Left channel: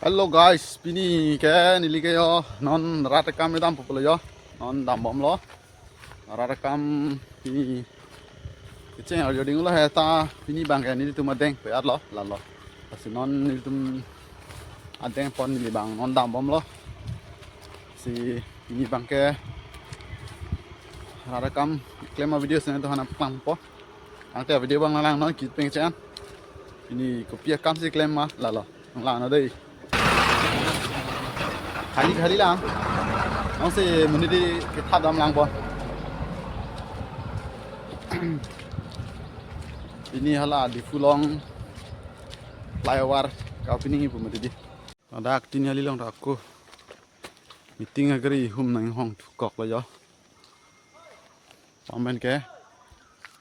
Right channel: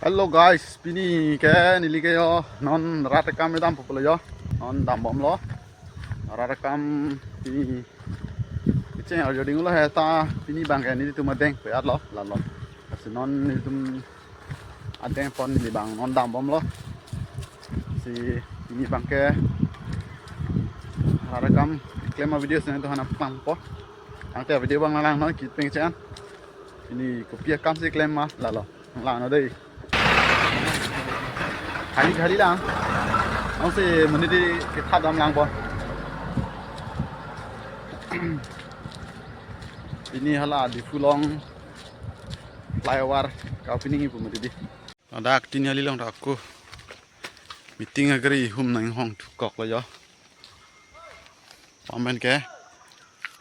Hello guys, pini ke nili ke yo non ratakam edam popolo yo non dam bom lo ratakam pini keceng ar joding lo heta pini bang ke nili tu madeng pe at lo la lo si non nili tum adeng pon nili bang non dam bom lo si pini bang ke ratakam klema video sen to hanam pang po angte video bang lang non kit peng chen ini kopi kam si klema la lo lang no dei khali lang ông sẽ mình đi cái tháp đam lang po ini hala di fulong flyover kau pini ibu mesti di ada aktin hali long aku meeting agri nang hong kok lo yo pamen ke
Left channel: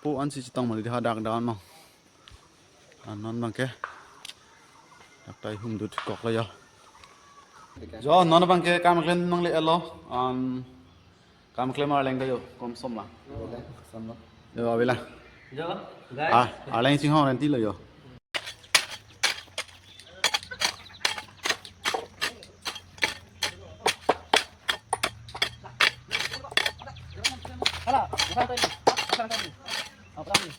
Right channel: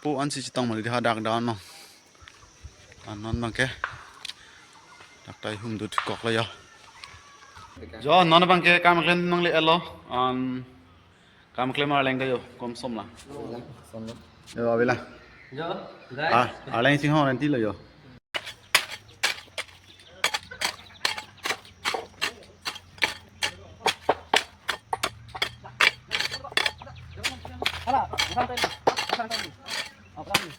pu an si chitong mesti hadak dawn no anon bang ke dak tai du kok lo yo jo non bang ke kam klen nong le elo an kam klen mar leng ke yo kom som la yo avila Jo, aleng sing hong nanti lo yo hala, bukan tadi. Bukan tadi. Apa lagi?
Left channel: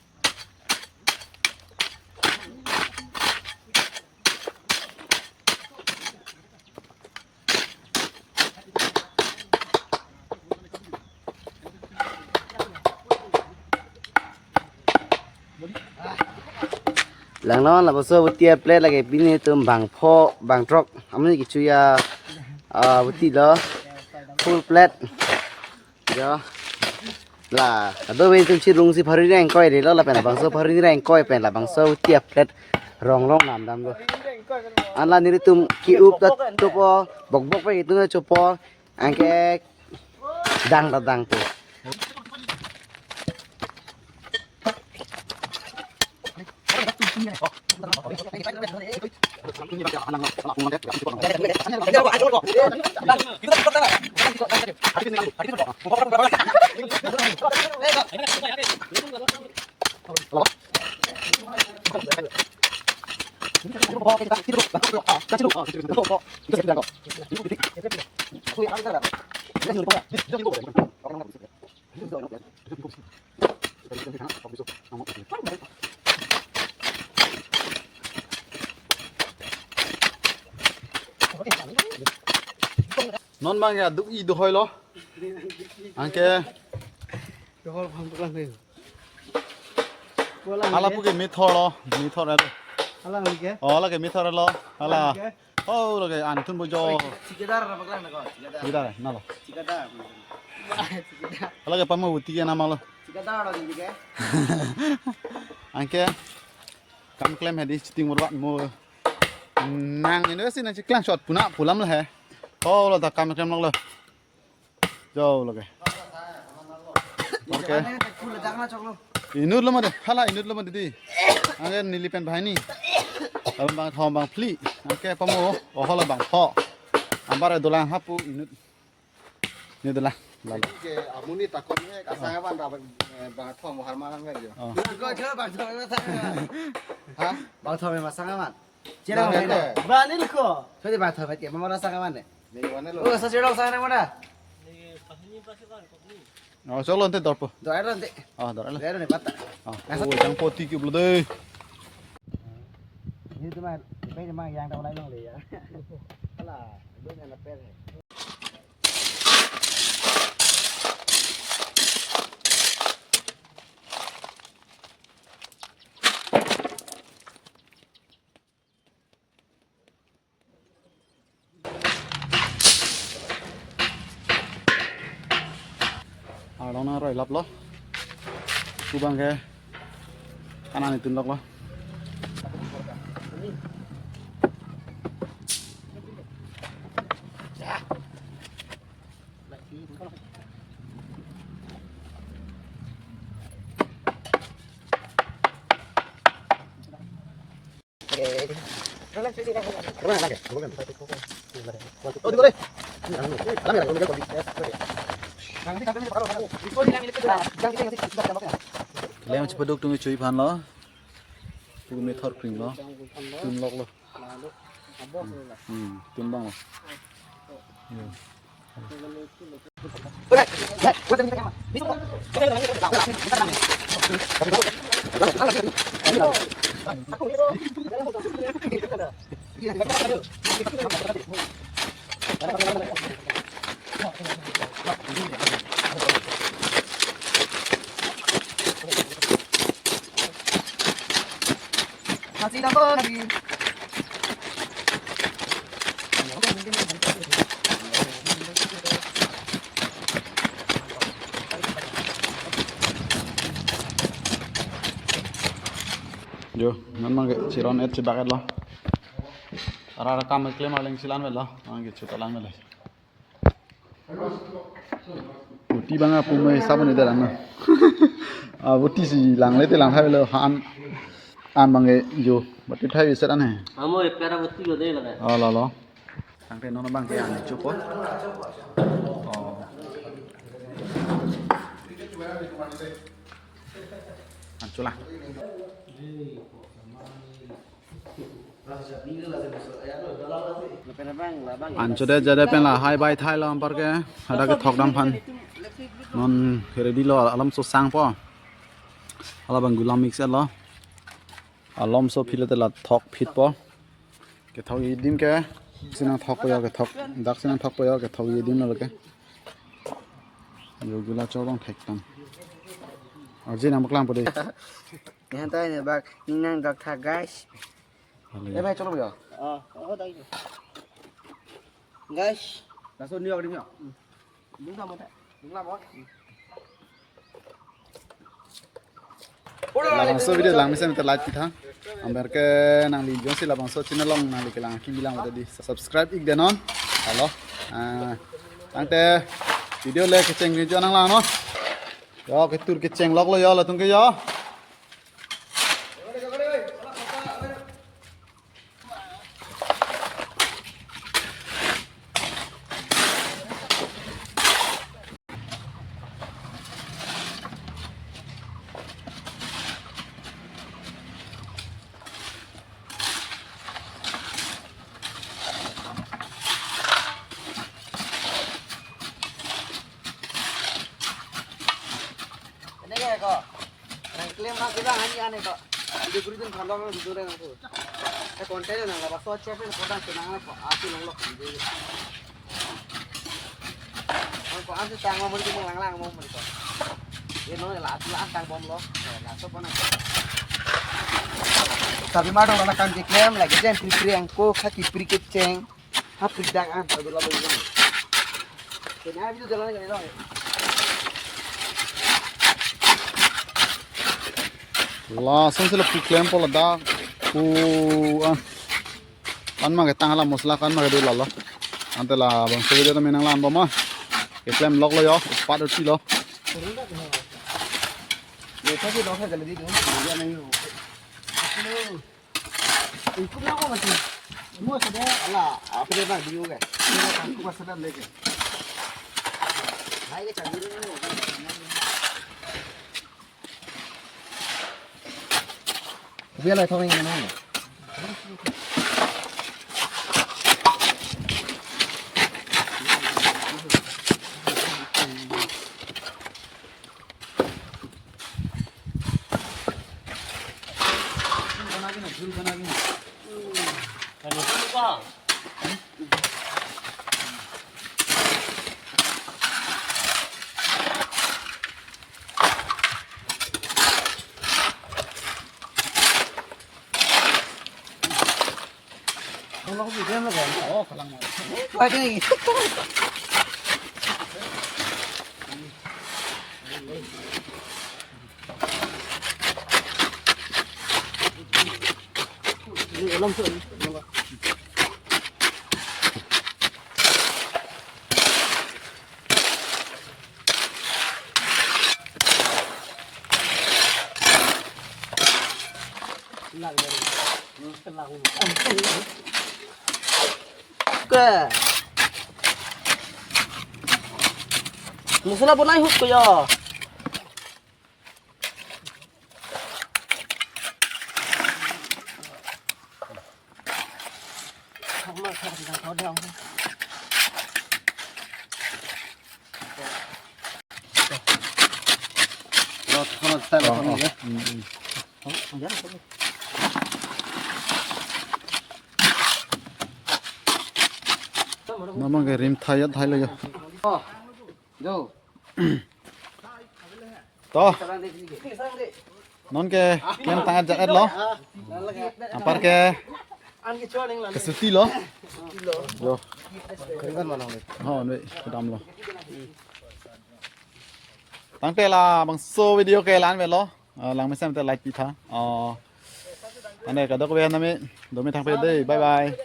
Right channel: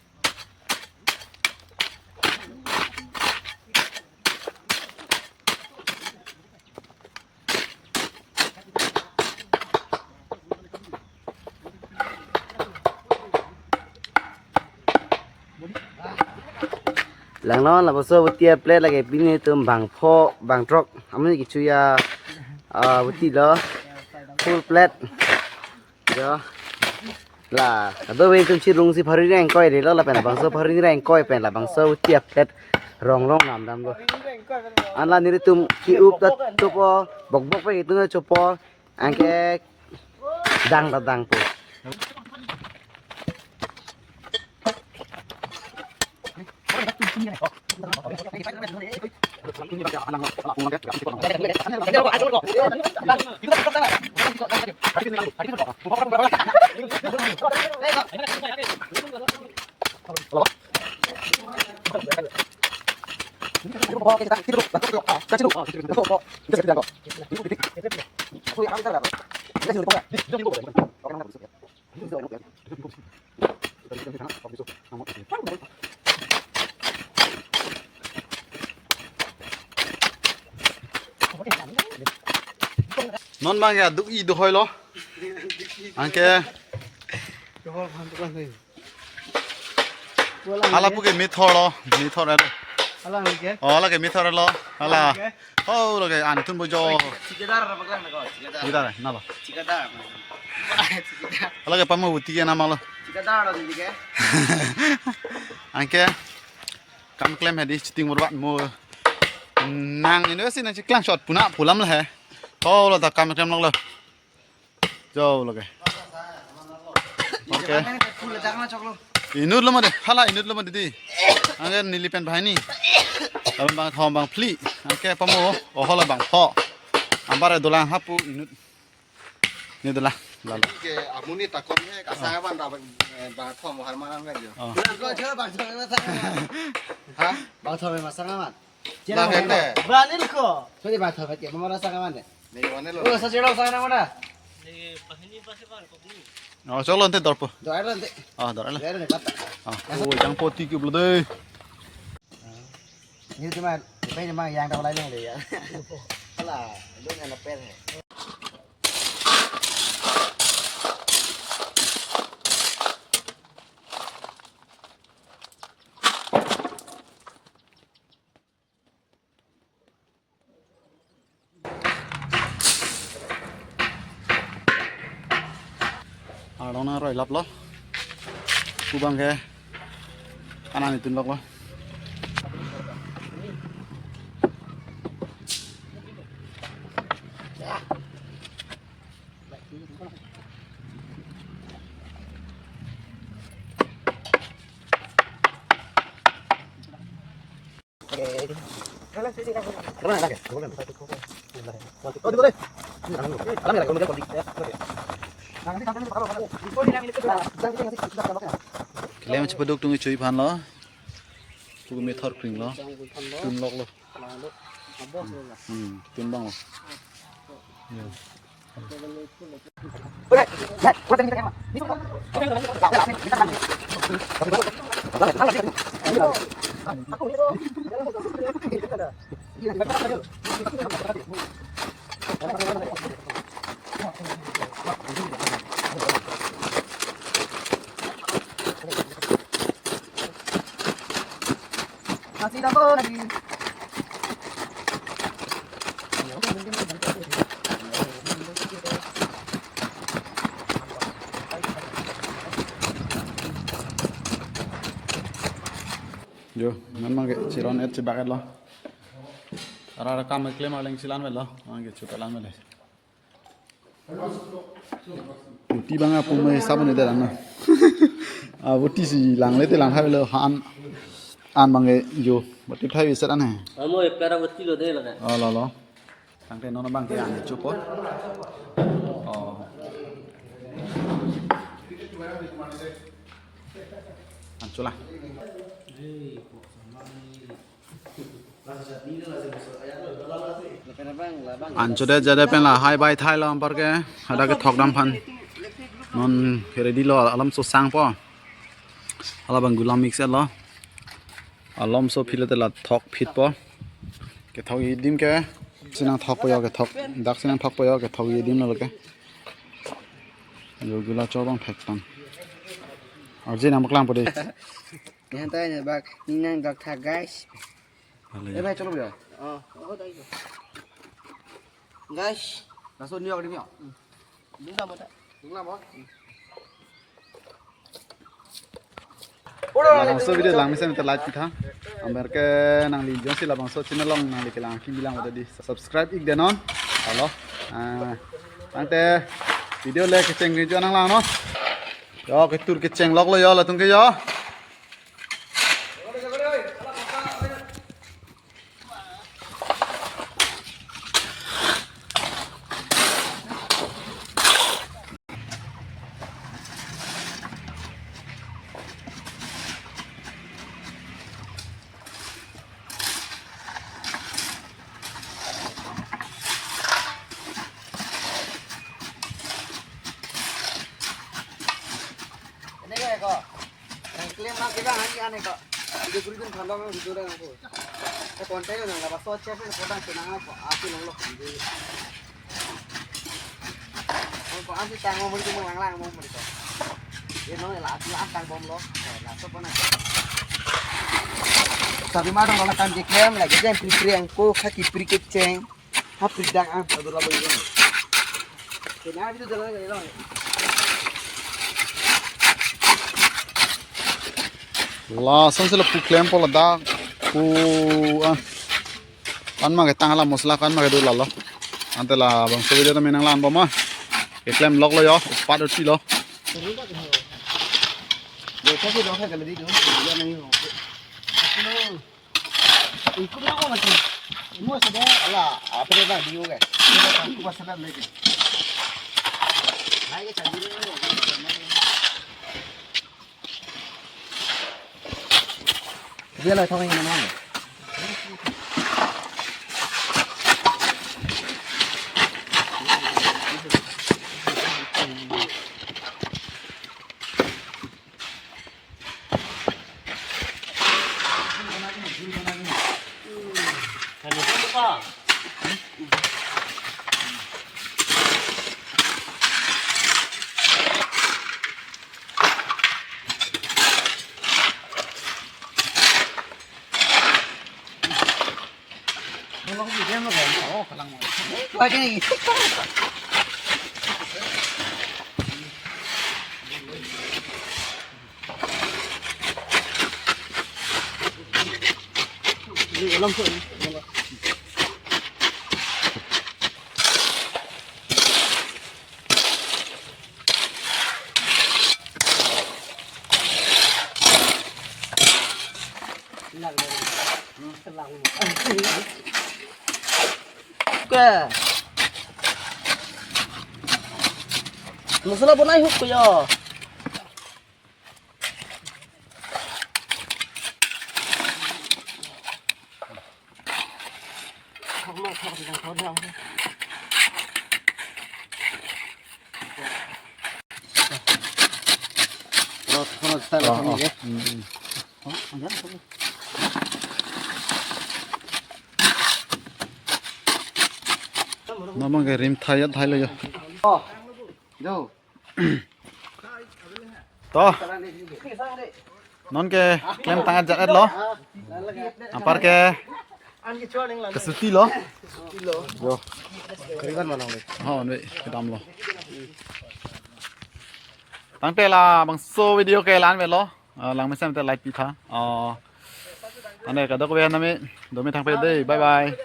Lang nó là một số vật tiệp plate là cái pin này tôm bằng pho bằng truck, ông ấy cái chui vật tiệp đó full plate đó là đôi bên tôi chỉ dùng si phari này coi để đó là phải bằng số phari này coi phải là bằng số tiệp plate rong long làm đam rồi anh là như tôm ki up đó chụp bọc bọc với cái chụp anh cái đăng là đăng thôi. non bang ya duk i do hoi lo anke hala pu ke method lo ra lo la ke method lo hala oh lo ke an tun bo jo cikadar na lo hala ke pamu uti ke nama lo anke kam klem hedi chiting murbat mo nang ini sih nanti klang shot puna pulam lah he oh lo tak kam klem lo jauh lo ke oke inut lo made hala inut lo made di angke nilipen bahai ni kalau bang thom bang pli angke pamu oh lo bang pho ambare dolang hapu inut ni dolang lalu ke amuni takon he kasangawan ra bang thom har manang ga yo Ha? Bang thom mà sang aman. Nah, hente. Berani lu kok. Thế thì bang thom phải mà nó sang aman này. ni wane lo Oh, sao chơi đâu sang này mana? oh cholo ente dorpo Rồi đó thế. dorala Đấy này bắt. oh jang poti ke blo de Như thế mà bây giờ mang giang đâu lấy này để đó là lúc này là pet này. đó nó rồi lắp lo cu băng ke kanan itu lok lo Oh, dulu deh. Lem cepat dok tunggu cuy pan lo, tunggu meter kering lo, tunggu lok lo. timbang loh. Masih dapat lagi. Yo, ngan mang ke ciron et cibaket lo. Ara kam klaim aleng cilan vel lo, mang ke cutalan vel. Buti banga pumai sabun ide lang. Ah buti si lang le te lang hai lo han an mang ke yo, buti thai vi set an hai. Amo pera batti lo de laga. Oh lo. Tang te non bang ke an chu pot. Oh. An chula. Ancho de jade pen la hai bai thai lo par ke ada ke thok dam phan non ready lo alam so sang po ala bang gulam mix lo alam so phile te la thok phit po ke thok yi dim ke sinang thok po yo ke thok dak sinang thok po yo ke thok yi dim lo ke yo gula cho bang thek tam ar je nam klang po de Yang tay này bác ninang gak tha guys. em hay cho nó biểu. Ở đây. Guys, là số New York đi nhỉ? Đúng ra một đấy. Đúng là món. la bang so video lang misem te like kita amber ke nang li jong si la bang so channel long nang li ke lang ki bilang udah di subscribe ik denon halo tang te video le ke cheng video nang lang no yo ke tur ke cheng lok lo yo la tung ke yo Đây kok. Klaim mak kita hanya aneh kok. Itu kuritin kalau nggak gitu deh aku. Konten yang nggak pasal cek itu kodang senang kok. Aku nonglo. Kok anti tang mau beri mau lang mau beri kok. Ini nong lah tang bom lo. Lah so pernah. Tapi mah dong kan klaim lagi jangan prepare yang ko kaki prikit ceng. Hap pidang ah udah lah begini. Kenapa itu jalan jadi dong. la sam se la pu claim po la da pu an ma ke tang la mosla kan ma ke do la lo ante la bang so video ta menang lan ba ma ke claim lok lo yo pat ti lo Để cho cái đó phải cái gì nữa, giờ này nó. Cũng nó mà thì mua sẽ là ở bên này đi cái. Cũng có sẽ lên cái. Hai cái chẳng đi nữa. Bây giờ thôi anh em. Nó không bị đem nó còn khó khả năng mà. Quay cái gì? Đi lâm thượng. Lặng rồi. Lặng. Ke. Masalah pun naik hook ya. mà thằng thằng thằng rồi không sai là không gì không không dám không nó mang cái rim thayเลย vô to non ke klem tangan jat lo apar ke kesuti lo yo ho vậy cái đam lo tăng tê là bằng số video ke lan về lo lang mới xem tê like pi tha tăng đây cả đó có về nami đồ mới thằng về đây bye bye